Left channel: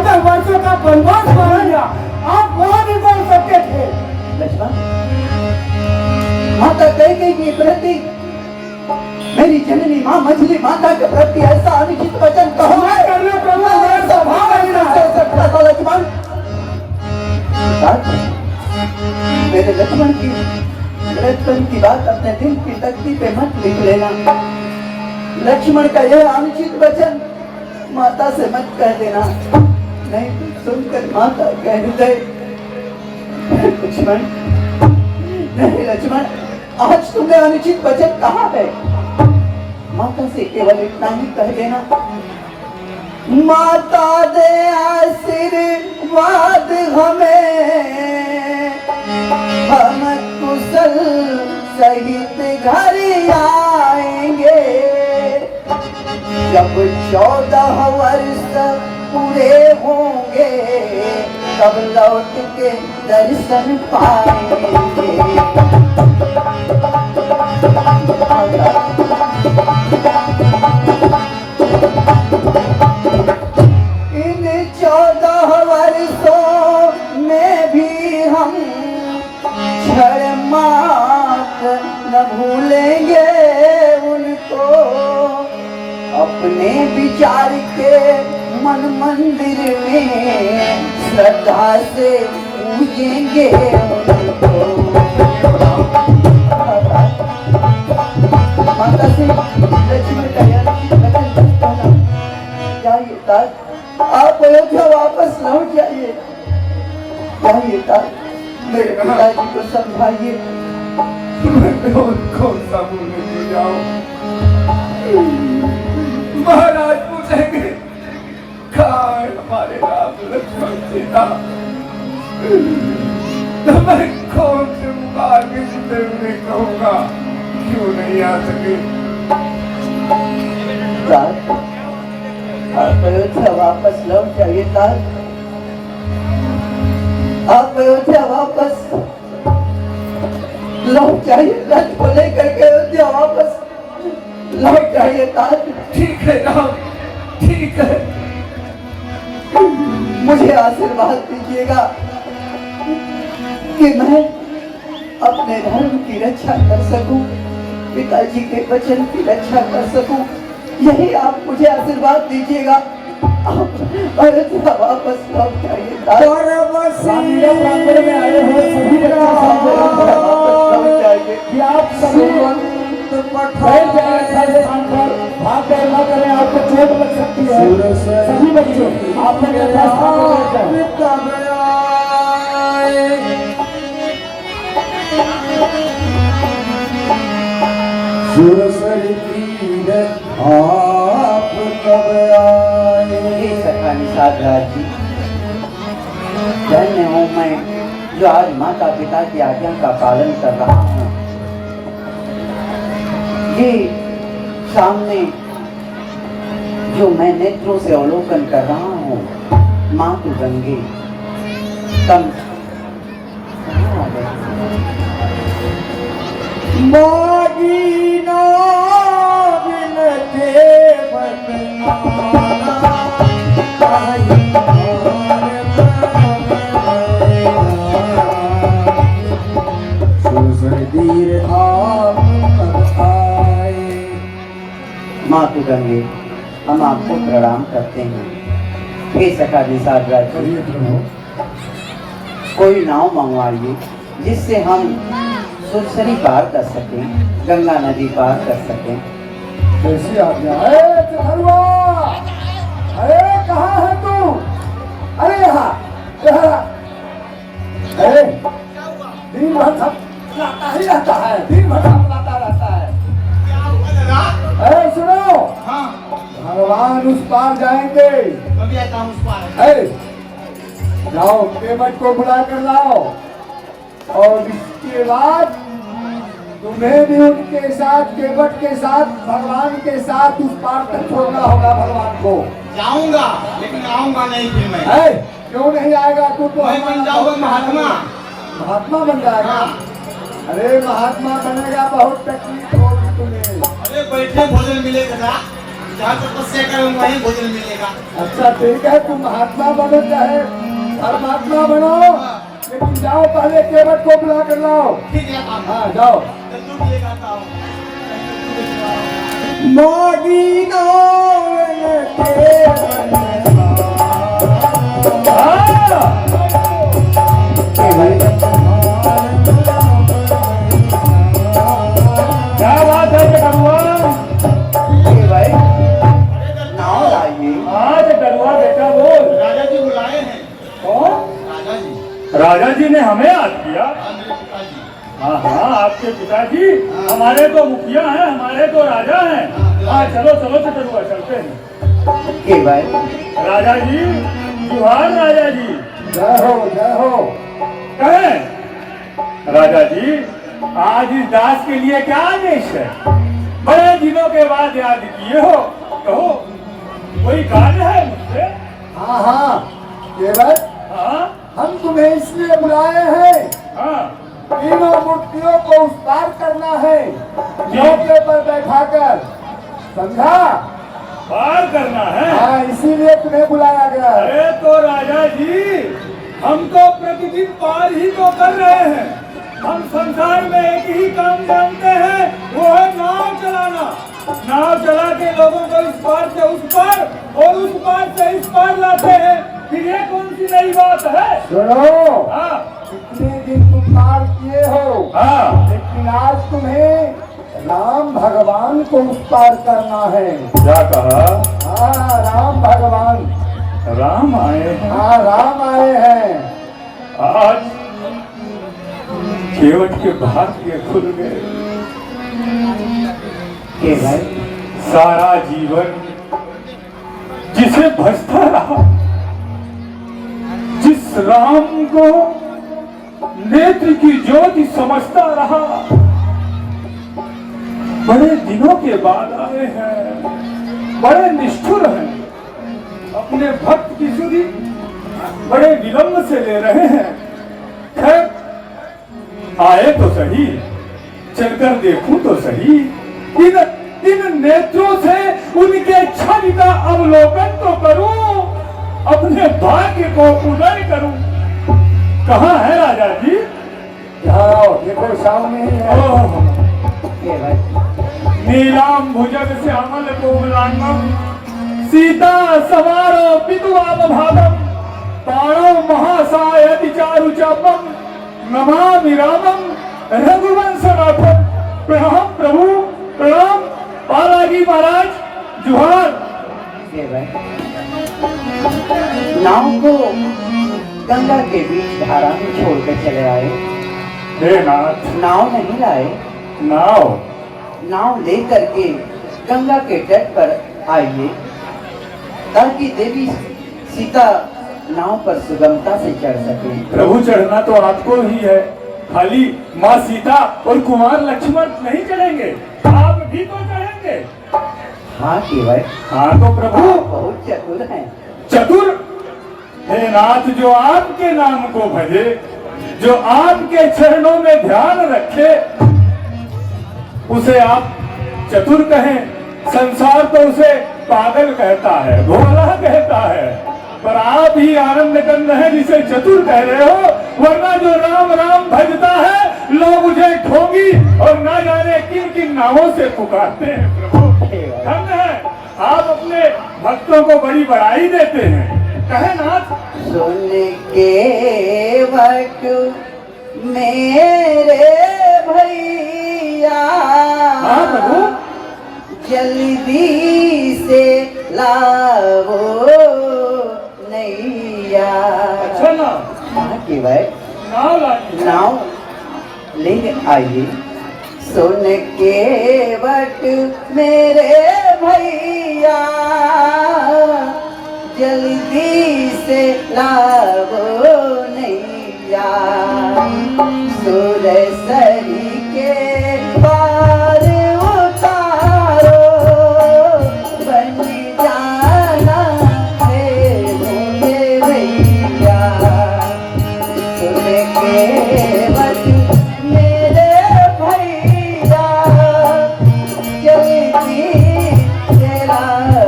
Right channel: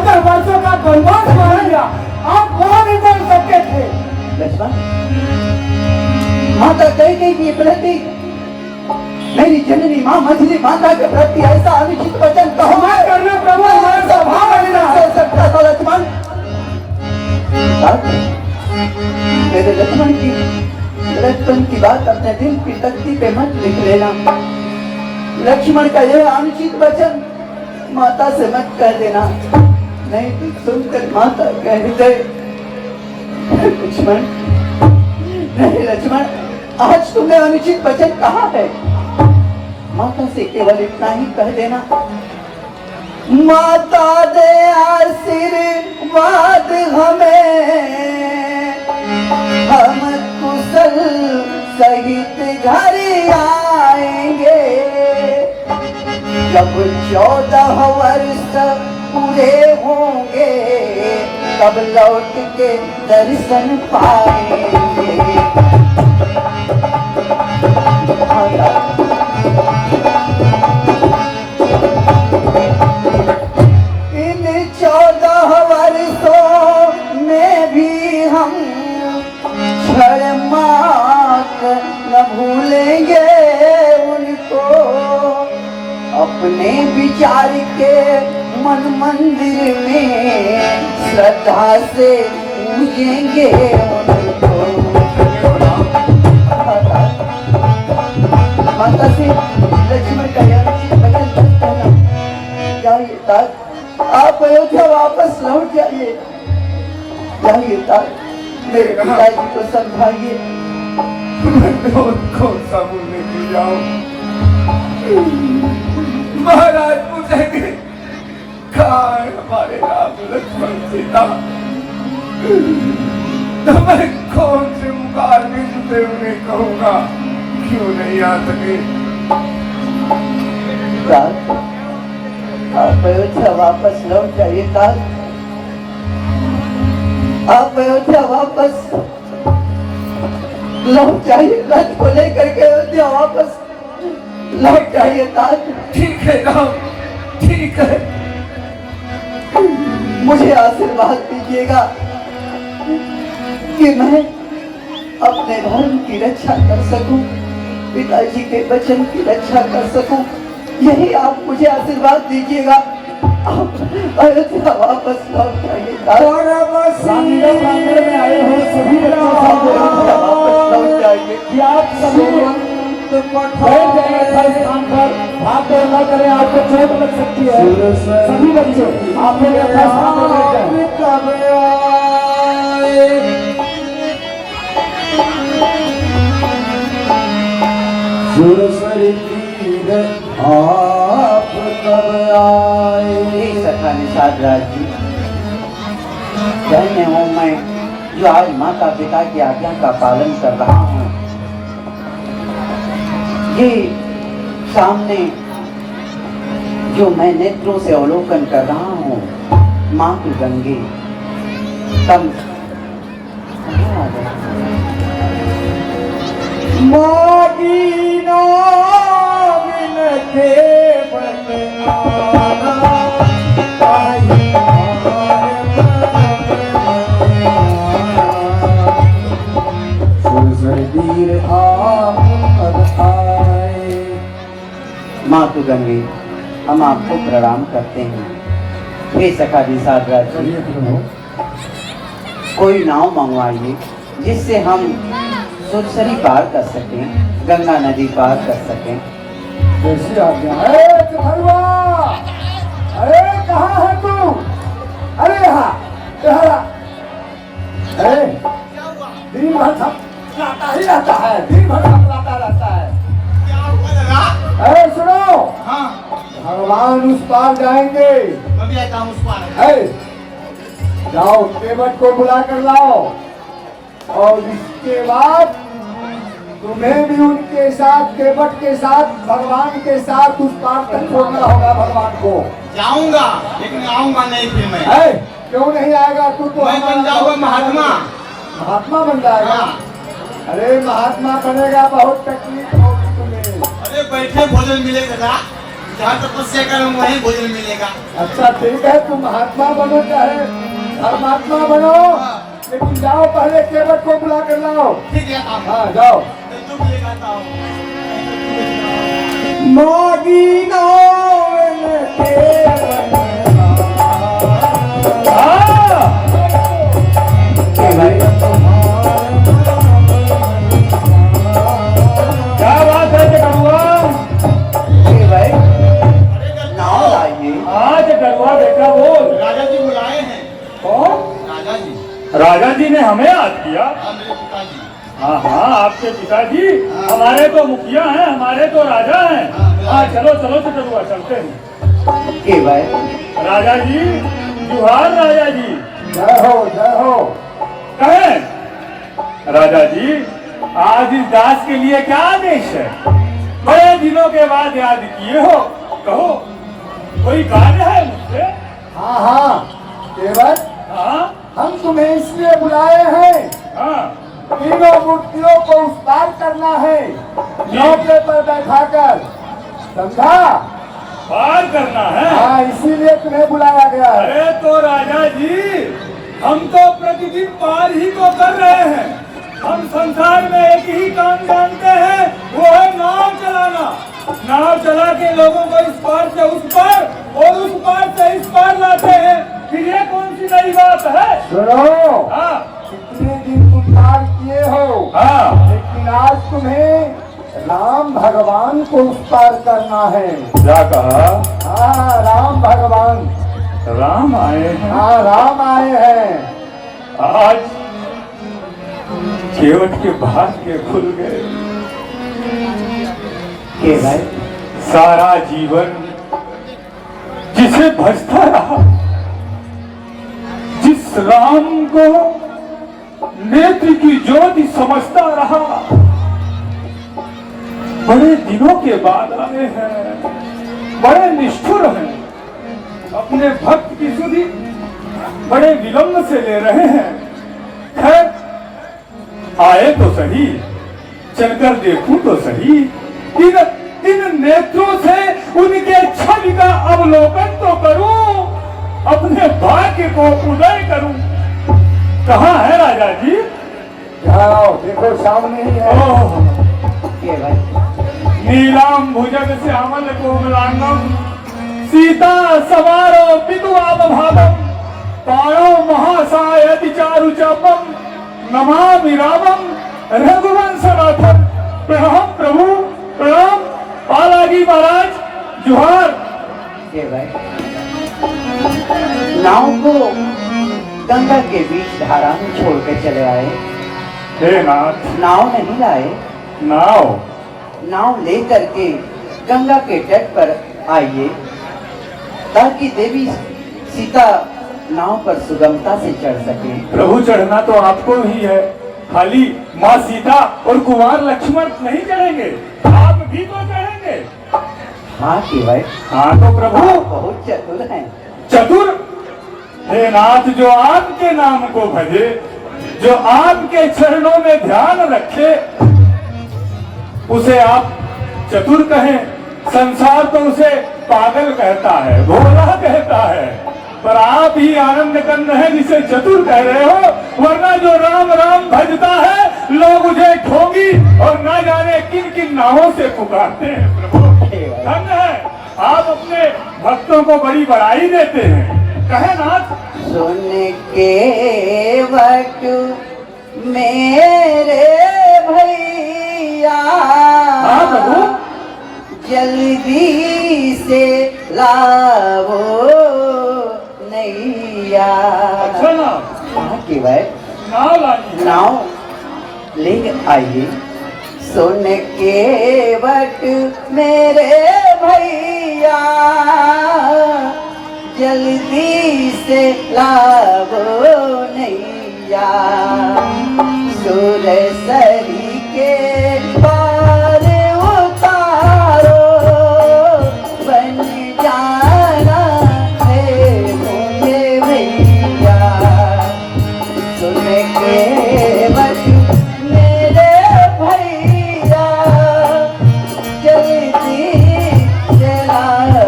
14 वर्षों का वनवास हो गया, आप वहां नहीं बोल सकते थे। लक्ष्मण, माता कैकेयी की प्रति, मेरी जननी मां मछली माता के प्रति ऐसा अनुचित वचन कहो। मैं करना प्रभु, मैं सभा में सकता लक्ष्मण। मेरे लक्ष्मण की बात अपने दिल की तख्ती पे मत लिख लेना। लक्ष्मण का यह अनुचित वचन माता से मत कह देना, नहीं तो सुनकर माता कह दे। लक्ष्मण, नहीं लक्ष्मण, आज तुमने अनुचित वचन कहा है। माता से केवल इतना ही कह देना, माता दे आशीर्वाद हमें, हम कुशल सहित घर आएंगे। जब 14 वर्ष पूरे होंगे, तब लौट के दर्शन पाएंगे। इन 14 वर्षों में भी हम क्षण मात्र न भूलेंगे उनको। अपने विचार के मन मंदिर में श्रद्धा से पूजेंगे उनको। माता से लक्ष्मण जाइए तक आप अयोध्या वापस लौट जाइए। जाइए तक मेरे पिताजी को समझाइए। कौन सा बोलने को जाओ, महाराज पूछेंगे कहाँ है हमारे राम लक्ष्मण सीता, तो मैं कौन से मुखार के जुटे उन्हें कहूँगा क्यों नहीं आ सके। आप अयोध्या वापस लौट जाइए। काल आप अयोध्या वापस लौट जाइए। रथ को लेकर के अयोध्या वापस लौट जाइए। काल ठीक है राम, ठीक है। मुझे आशीर्वाद दीजिएगा कि मैं अपने धर्म की रक्षा कर सकूं, पिताजी के वचन की रक्षा कर सकूं। यही आप मुझे आशीर्वाद दीजिएगा। अयोध्या वापस लौट जाइए। में आए हो सभी अयोध्या वापस लौट जाइए। कि आप सभी बैठ जाए स्थान पर, भाग दौड़ करें, आपको चोट लग सकती है। सभी बच्चों आप सुरसरी तीर आप कब आए। सखा निषाद राज जी, धन्य हूँ मैं जो आज माता पिता की आज्ञा का पालन कर रहा हूँ। ये सामने जो मैं नेत्रों से अवलोकन कर रहा हूँ, मातु गंगे तम मागीनो बिनखे बदनाना ताही सुरसरी आप कब आए। मातु गंगे, हम आपको प्रणाम करते हैं। हे सखा निषाद राज जी, कोई नाव मंगवाइए जिससे हम सुरसरी पार कर सकें, गंगा नदी पार कर सकें। कैसी आज्ञा। अरे कहाँ है तू? अरे यहाँ अरे दिन भर थपलाता ही रहता है, दिन भर थपलाता रहता है। अरे सुनो, भगवान उस पार जाएंगे। जाओ केवट को बुला कर लाओ, और इसके बाद तुम्हें भी उनके साथ, केवट के साथ, भगवान के साथ उस पार तक छोड़ना होगा। भगवान को जाऊंगा लेकिन आऊंगा नहीं फिर मैं। क्यों नहीं आएगा? तू तो मैं बन जाऊंगा महात्मा। महात्मा बन जाएगा। अरे महात्मा बनेगा, बहुत तकलीफ होगी तुम्हें। अरे बैठे भोजन मिलेगा। जहाँ तपस्या करूँ वहीं भोजन मिलेगा। अच्छा ठीक है, तुम महात्मा बनो चाहे धर्मात्मा बनो, लेकिन जाओ पहले केवट को बुला कर लाओ। ठीक है आप हाँ जाओ। तो तू भी ये गाता हो। मागी नावन के क्या बात है कड़ुआ? ये भाई नाव लाइए। आज कड़ुआ बेटा बोल। राजा जी बुलाए हैं। कौन? राजा जी। राजा जी ने हमें याद किया? हाँ, मेरे पिताजी। हाँ हाँ, आपके पिताजी हमारे तो मुखिया हैं, हमारे तो राजा हैं। हाँ चलो चलो कड़ुआ चलते हैं। ये भाई राजा जी जुहार राजा जी। जय हो जय हो। कहें राजा जी, आज इस दास के लिए क्या आदेश है? बड़े दिनों के बाद याद किए हो, कहो कोई कार्य है मुझसे? हाँ हाँ केवट, हाँ हम तुम्हें इसलिए बुलाए हैं, हाँ तीनों मूर्तियों को उस पार करना है, नौके पर बैठाकर, समझा? पार करना है? हाँ इसीलिए तुम्हें बुलाया गया है। अरे तो राजा जी, हम तो प्रतिदिन पार ही तो कर रहे हैं। हम संसार में एक ही काम जानते हैं, वो है नाव चलाना। नाव चला के लोगों को इस पार से उस पार और उस पार से इस पार लाते हैं। फिर ये कौन सी नई बात है? सुनो, हाँ कितने दिन तुम पार किए हो, हाँ लेकिन आज तुम्हें राम भगवान को उस पार करना है। क्या कहा? हाँ राम भगवान। राम आए हैं? हाँ राम आए हैं। आज केवट के भाग्य खुल गए। के भाई सारा जीवन जिसे भजता रहा, जिस राम को नेत्र की ज्योति समझता रहा, बड़े दिनों के बाद आए हैं, बड़े निष्ठुर हैं, अपने भक्त की सुधि बड़े विलंब से ले रहे हैं। खैर आए तो सही, चलकर देखूं तो सही, इन नेत्रों से उनके छवि का अवलोकन तो करूं, अपने भाग्य को उदय करूं। कहाँ है राजा जी? जाओ देखो सामने ही है। के भाई नीलाम भुजग श्यामल कोमलांगम, सीता सवारो पितुआपभागम, पाणो महासायति चारु चापम, नमामि रामम रघुवंशनाथम। प्रणाम प्रभु, प्रणाम पालागी महाराज, जुहार। के भाई नाव को गंगा के बीच धारा में छोड़कर चले आए। हे नाथ, नाव नहीं लाए, नाव लेकर के गंगा के तट पर आइए, ताकि देवी सीता नाव पर सुगमता से चढ़ सके। प्रभु चढ़ना तो आपको ही है, खाली माँ सीता और कुमार लक्ष्मण नहीं चढ़ेंगे, आप भी तो चढ़ेंगे। हाँ के भाई हाँ तो प्रभु बहुत चतुर हैं। चतुर? हे नाथ, जो आपके नाम को भजे, जो आपके चरणों में ध्यान रखे, उसे आप चतुर कहें। संसार तो उसे पागल कहता है, भोला कहता है, पर आप ही आनंद कंद है जिसे चतुर कह रहे हो। वरना जो राम राम भजता है, लोग उसे ठोगी और ना जाने किन किन नामों से पुकारते हैं। धन्य है, आप अपने भक्तों को बड़ी बड़ाई देते हैं। कहे नाथ, सुन के वट मेरे भैया, हाँ प्रभु, जल्दी से लावो नैया। अच्छा ना कि भाई नाव ले आइए। सुन के वट मेरे भैया, जल्दी से लावो नैया। सुरसरी के पार उतारो, बन जाना मेरे भैया। सुन के वट मेरे भैया, जल्दी से लावो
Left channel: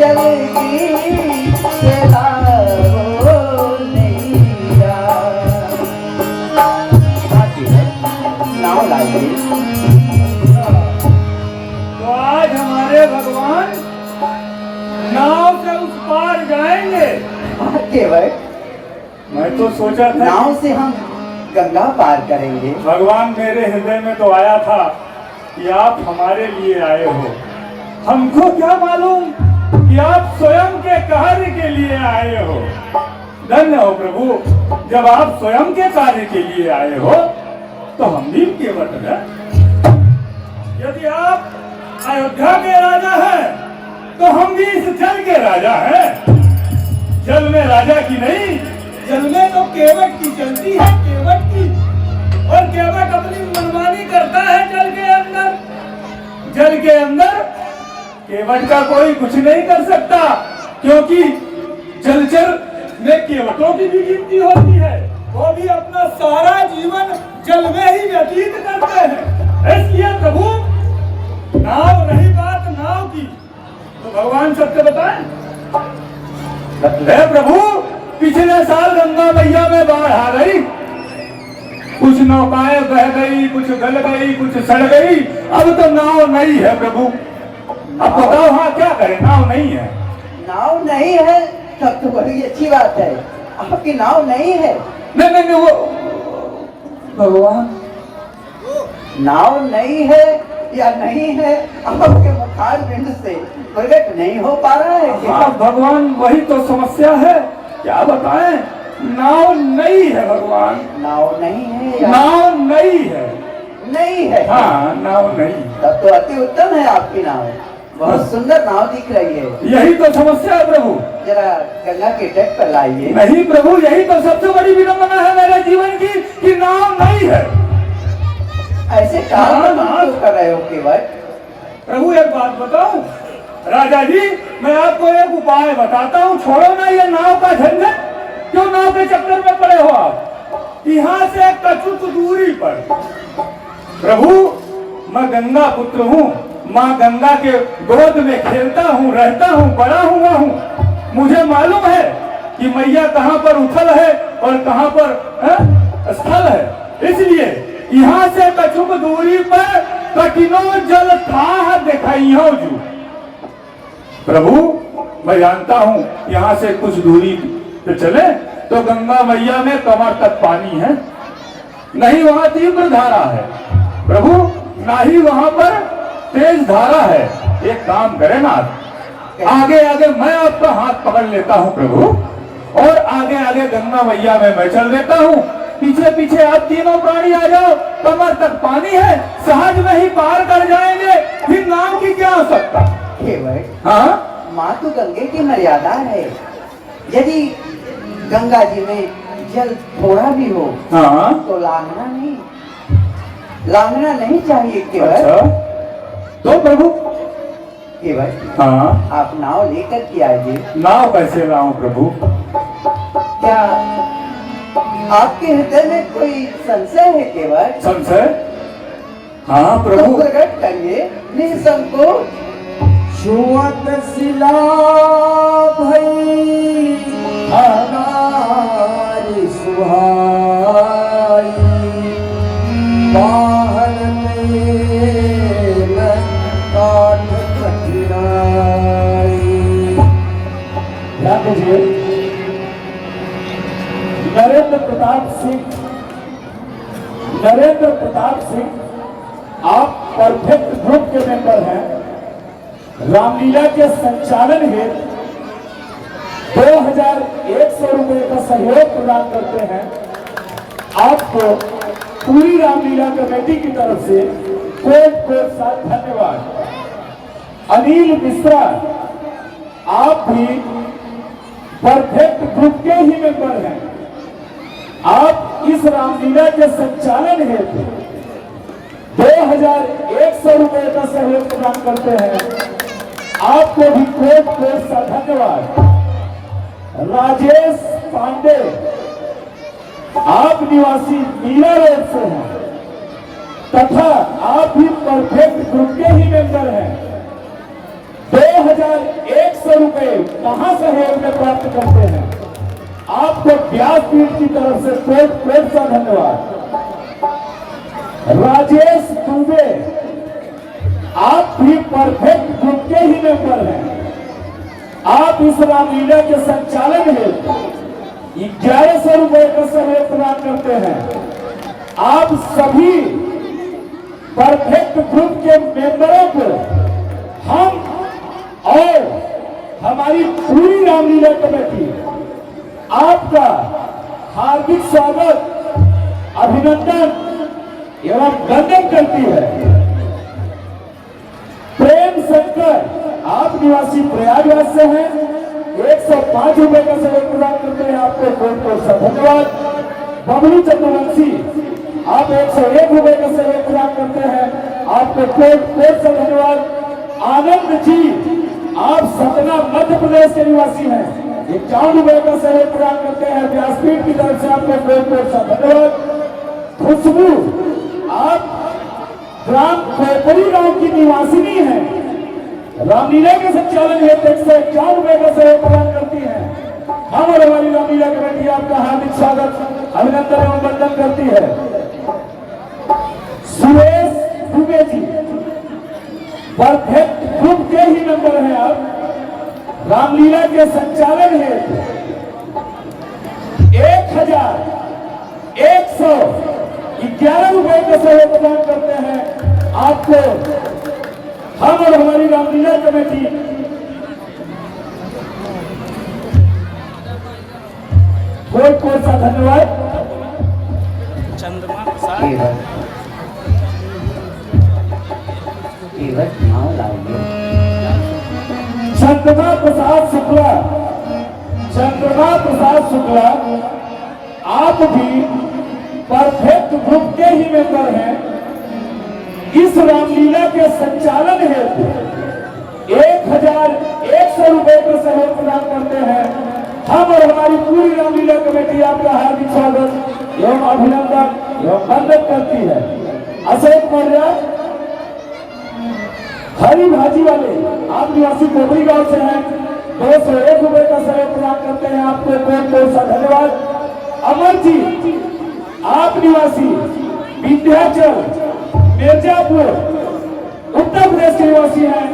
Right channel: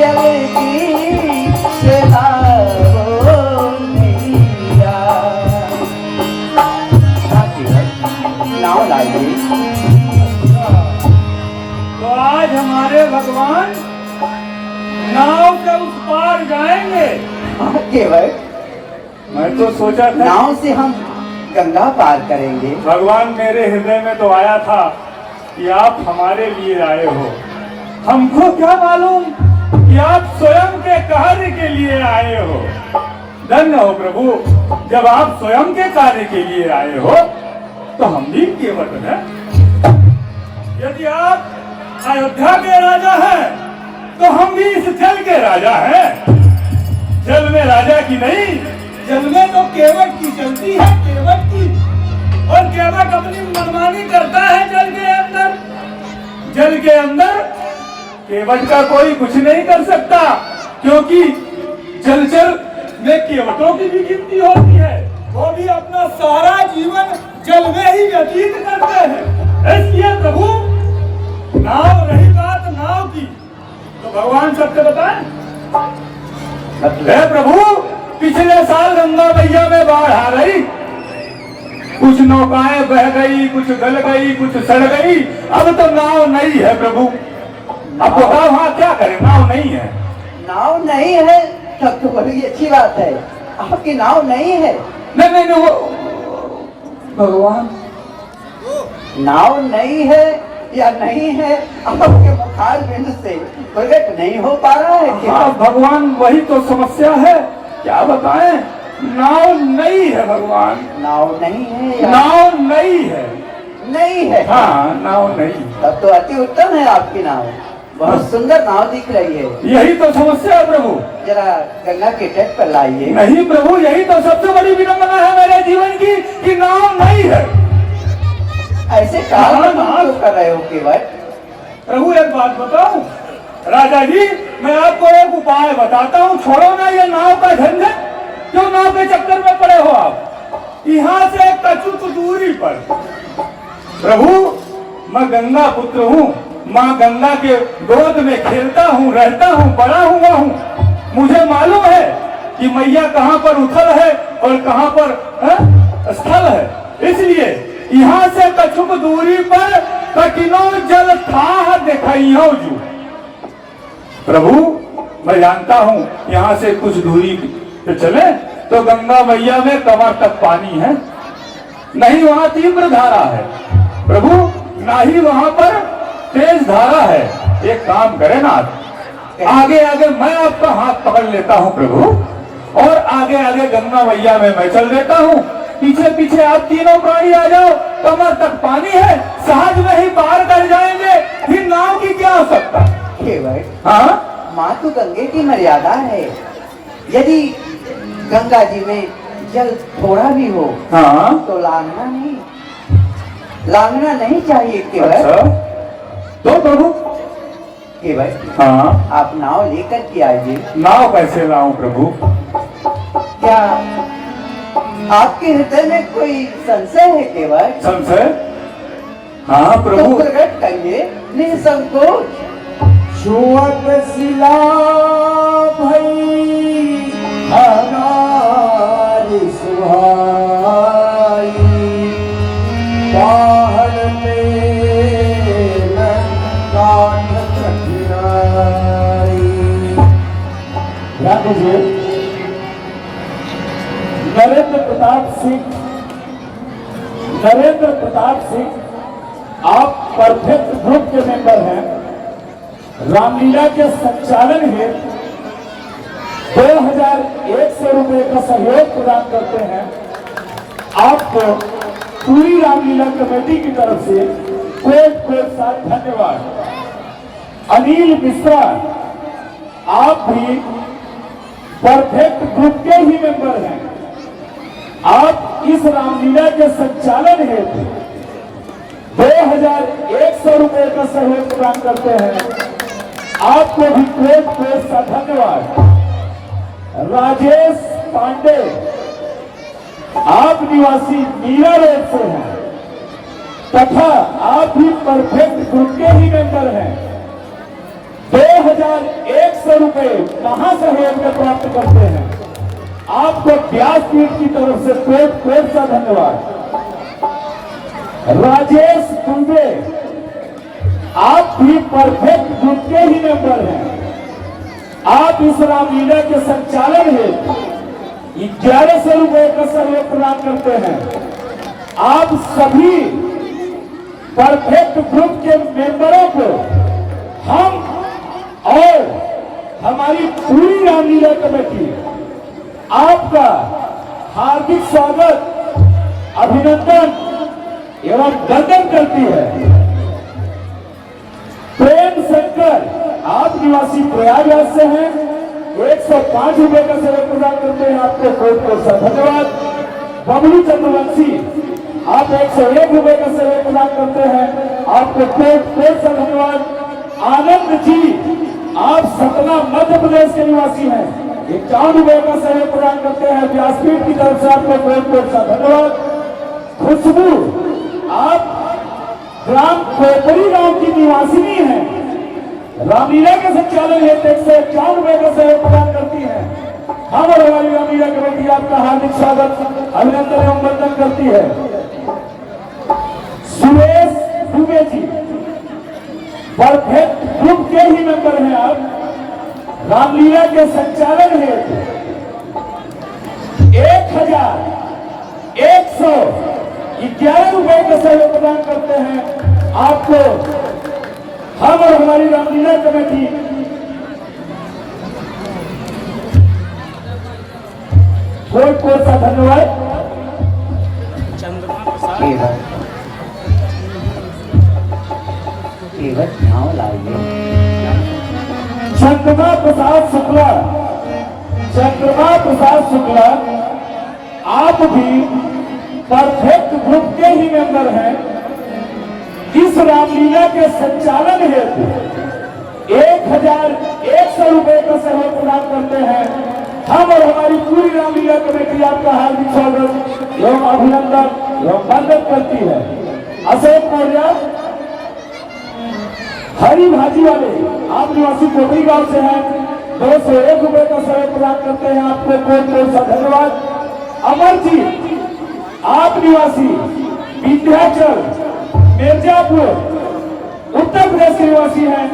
जल्दी से लाओ मैया। नाव लाइए। तो आज हमारे भगवान नाव से उस पार जाएंगे। केवल मैं तो सोचा था नाव से हम गंगा पार करेंगे। भगवान मेरे हृदय में तो आया था कि आप हमारे लिए आए हो। हमको क्या मालूम कि आप स्वयं के कार्य के लिए आए हो। धन्य हो प्रभु, जब आप स्वयं के कार्य के लिए आए हो तो हम भी केवट हैं। यदि आप अयोध्या के राजा हैं तो हम भी इस जल के राजा हैं। जल में राजा की नहीं, जल में तो केवट की चलती है, केवट की। और केवट अपनी मनमानी करता है जल के अंदर। जल के अंदर केवट का कोई कुछ नहीं कर सकता, क्योंकि जलचर में केवटों की भी गिनती होती है। वो भी अपना सारा जीवन जल में ही व्यतीत करते हैं। इसलिए प्रभु, नाव रही बात नाव की, तो भगवान सत्य बताएं। प्रभु, पिछले साल गंगा मैया में बाढ़ आ गई, कुछ नौकाएं बह गई, कुछ गल गई, कुछ सड़ गई। अब तो नाव नहीं है प्रभु। अब बताओ हाँ क्या करें, नाव नहीं है। नाव नहीं है तब तो बड़ी अच्छी बात है। आपकी नाव नहीं है। नहीं, वो भगवान, नाव नहीं है या नहीं है, आपके मुखार बिंद से प्रकट नहीं हो पा रहा है क्या? हाँ भगवान, वही तो समस्या है। क्या बताएं, नाव नहीं है भगवान। नाव नहीं है या नाव नहीं है। नहीं है? हाँ, नाव नहीं। तब तो अति उत्तम है आपकी नाव, बहुत सुंदर नाव दिख रही है। यही तो समस्या है प्रभु। जरा गंगा के तट पर लाइए। नहीं प्रभु, यही तो सबसे बड़ी विडंबना है मेरे जीवन की कि नाव नहीं है। ऐसे कारण आप कर रहे हो केवल? प्रभु एक बात बताऊं, राजा जी, मैं आपको एक उपाय बताता हूँ। छोड़ो ना ये नाव का झंझट, क्यों नाव के चक्कर में पड़े हो आप। यहाँ से कछुक दूरी पर प्रभु, मैं गंगा पुत्र हूँ। माँ गंगा के गोद में खेलता हूँ, रहता हूँ, बड़ा हुआ हूँ। मुझे मालूम है कि मैया कहाँ पर उथल है और कहाँ पर स्थल है। इसलिए यहाँ से कछुक दूरी पर कठिनो जल था दिखाइयो जू। प्रभु, मैं जानता हूँ यहाँ से कुछ दूरी पे चले तो गंगा मैया में कमर तक पानी है, नहीं वहाँ तीव्र धारा है प्रभु, ना ही वहाँ पर तेज धारा है। एक काम करें ना, आगे आगे मैं आपका हाथ पकड़ लेता हूँ प्रभु, और आगे आगे गंगा मैया में मैं चल देता हूँ। पीछे पीछे आप तीनों प्राणी आ जाओ। कमर तक पानी है, सहज में ही पार कर जाएंगे। फिर नाव की क्या आवश्यकता। हाँ, माँ तो गंगे की मर्यादा है। यदि गंगा जी में जल थोड़ा भी हो हाँ, तो लांगना नहीं चाहिए केवल। अच्छा, तो प्रभु केवल हाँ, आप नाव लेकर के आइए। नाव कैसे लाऊं प्रभु। क्या आपके हृदय में कोई संशय है केवल? संशय? हाँ तो प्रभु। प्रकट करिए निसंकोच। छुअत शिला भई हमारी सुहाई, बाहर में काठ कठिनाई। ध्यान दीजिए, नरेंद्र प्रताप सिंह आप परफेक्ट ग्रुप के मेंबर हैं। रामलीला के संचालन हेतु 2100 रुपए का सहयोग प्रदान करते हैं। आपको पूरी रामलीला कमेटी की तरफ से कोट साथ धन्यवाद। अनिल मिश्रा, आप भी परफेक्ट ग्रुप के ही मेंबर हैं। आप इस रामलीला के संचालन हेतु 2100 रुपए का सहयोग प्रदान करते हैं। आपको भी कोट सा धन्यवाद। राजेश पांडे, आप निवासी मीरा रोड से हैं तथा आप भी परफेक्ट ग्रुप के ही मेंबर हैं। 2100 रुपए महासहयोग में प्राप्त करते हैं। आपको व्यासपीठ की तरफ से कोट सा धन्यवाद। राजेश दुबे, आप भी परफेक्ट ग्रुप के ही मेंबर हैं। आप इस रामलीला के संचालन में 1100 रुपए का सहयोग प्रदान करते हैं। आप सभी परफेक्ट ग्रुप के मेंबरों को हम और हमारी पूरी रामलीला कमेटी आपका हार्दिक स्वागत, अभिनंदन एवं वंदन करती है। प्रेम शंकर, आप निवासी प्रयागराज से हैं, 105 रुपए का सहयोग प्रदान करते हैं। आपको बहुत सा धन्यवाद। बबलू चंद्रवंशी, आप 101 रुपए का सहयोग प्रदान करते हैं। आपको बहुत सा धन्यवाद। आनंद जी, आप सतना मध्य प्रदेश के निवासी हैं, 51 रुपए का सहयोग प्रदान करते हैं। व्यासपीठ की तरफ से आपको बहुत सा धन्यवाद। खुशबू, आप ग्राम कोपरी गांव की निवासिनी हैं, रामलीला के संचालन हेतु 151 रुपए का सहयोग प्रदान करती है। हम और हमारी रामलीला कमेटी आपका हार्दिक स्वागत, अभिनंदन एवं वंदन करती है। सुरेश दुबे जी, परफेक्ट ग्रुप के ही मेंबर हैं आप। रामलीला के संचालन हेतु 1111 रुपए का सहयोग प्रदान करते हैं। आपको हम और हमारी रामलीला कमेटी बहुत सा धन्यवाद। नाव लाइए। चंद्रमा प्रसाद शुक्ला, आप भी परफेक्ट ग्रुप के ही मेंबर हैं। इस रामलीला के संचालन हेतु 1100 रुपए का सहयोग प्रदान करते हैं। हम और हमारी पूरी रामलीला कमेटी आपका हार्दिक स्वागत एवं अभिनंदन एवं वंदन करती है। अशोक मौर्य, हरी भाजी वाले, आप निवासी कोपरी गांव से हैं, 201 रुपए का सहयोग प्रदान करते हैं। आपको बहुत सा धन्यवाद। अमरजीत, आप निवासी विंध्याचल मिर्जापुर उत्तर प्रदेश के निवासी हैं,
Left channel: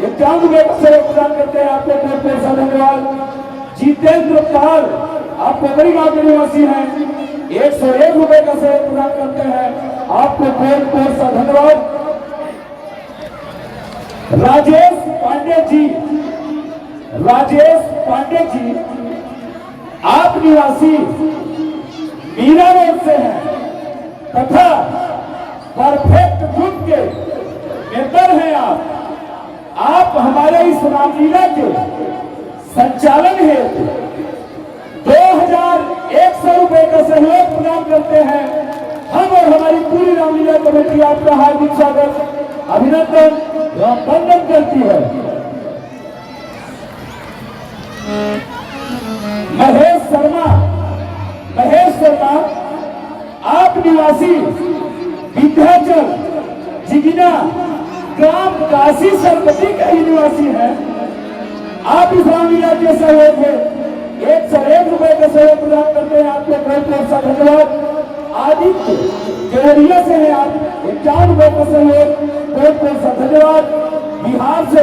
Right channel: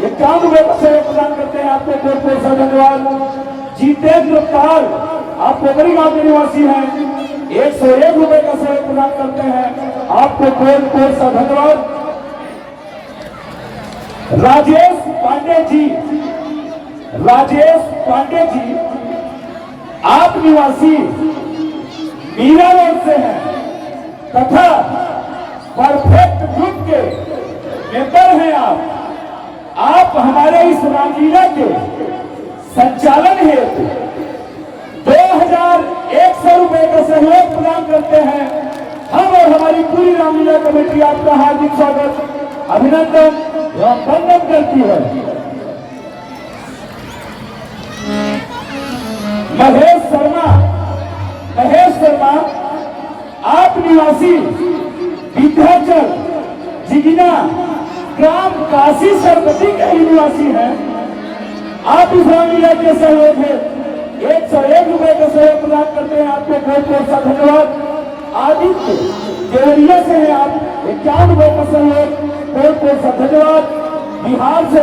51 रुपए का सहयोग प्रदान करते हैं। आपको बहुत सा धन्यवाद। जितेंद्र पाल, आप कोपरी गांव के निवासी हैं, 101 रुपए का सहयोग प्रदान करते हैं। आपको बहुत सा धन्यवाद। राजेश पांडे जी, आप निवासी मीरा रोड से हैं तथा परफेक्ट ग्रुप के मेंबर हैं। आप हमारे इस रामलीला के संचालन हेतु 2100 रुपए का सहयोग प्रदान करते हैं। हम और हमारी पूरी रामलीला कमेटी आपका हार्दिक स्वागत, अभिनंदन एवं वंदन करती है। महेश शर्मा, आप निवासी विंध्याचल जिगिना ग्राम काशी सरपति के ही निवासी हैं। आप इस रामलीला के सहयोग है 101 रुपए का सहयोग प्रदान करते हैं। आपको बहुत सा धन्यवाद। आदित्य केवड़िया से हैं आप, 51 रुपए का सहयोग, बहुत सा धन्यवाद। बिहार से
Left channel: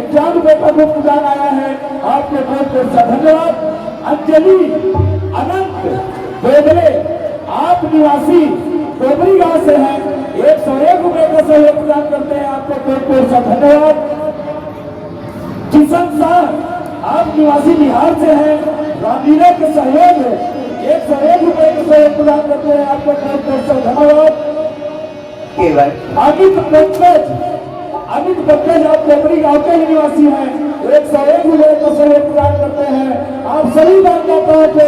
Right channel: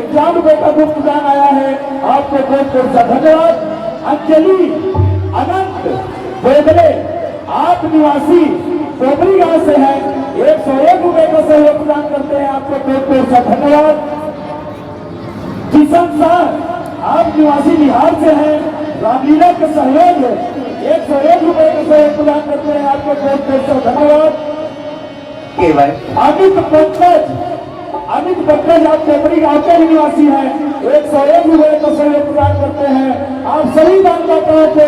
51 रुपए का ग्रुप प्रदान आया है, आपको बहुत सा धन्यवाद। अंजलि अनंत गोगले, आप निवासी कोपरी गांव से हैं, 101 रुपए का सहयोग प्रदान करते हैं। आपको बहुत सा धन्यवाद। किशन शाह, आप निवासी बिहार से हैं, रामलीला के सहयोग है 101 रुपए का सहयोग प्रदान करते हैं। आपको बहुत सा धन्यवाद। केवल अमित पंकज, आप कोपरी गांव के निवासी हैं, 101 रुपए का सहयोग प्रदान करते हैं। आप सभी दानदाताओं को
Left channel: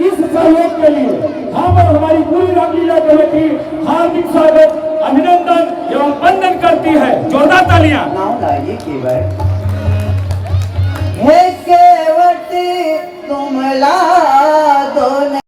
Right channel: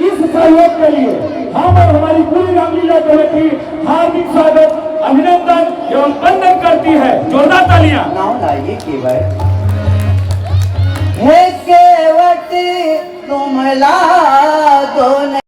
इस सहयोग के लिए हम और हमारी पूरी रामलीला कमेटी हार्दिक स्वागत, अभिनंदन एवं वंदन करती है। जोरदार तालियां। नाव लाइए। केवट तुम ला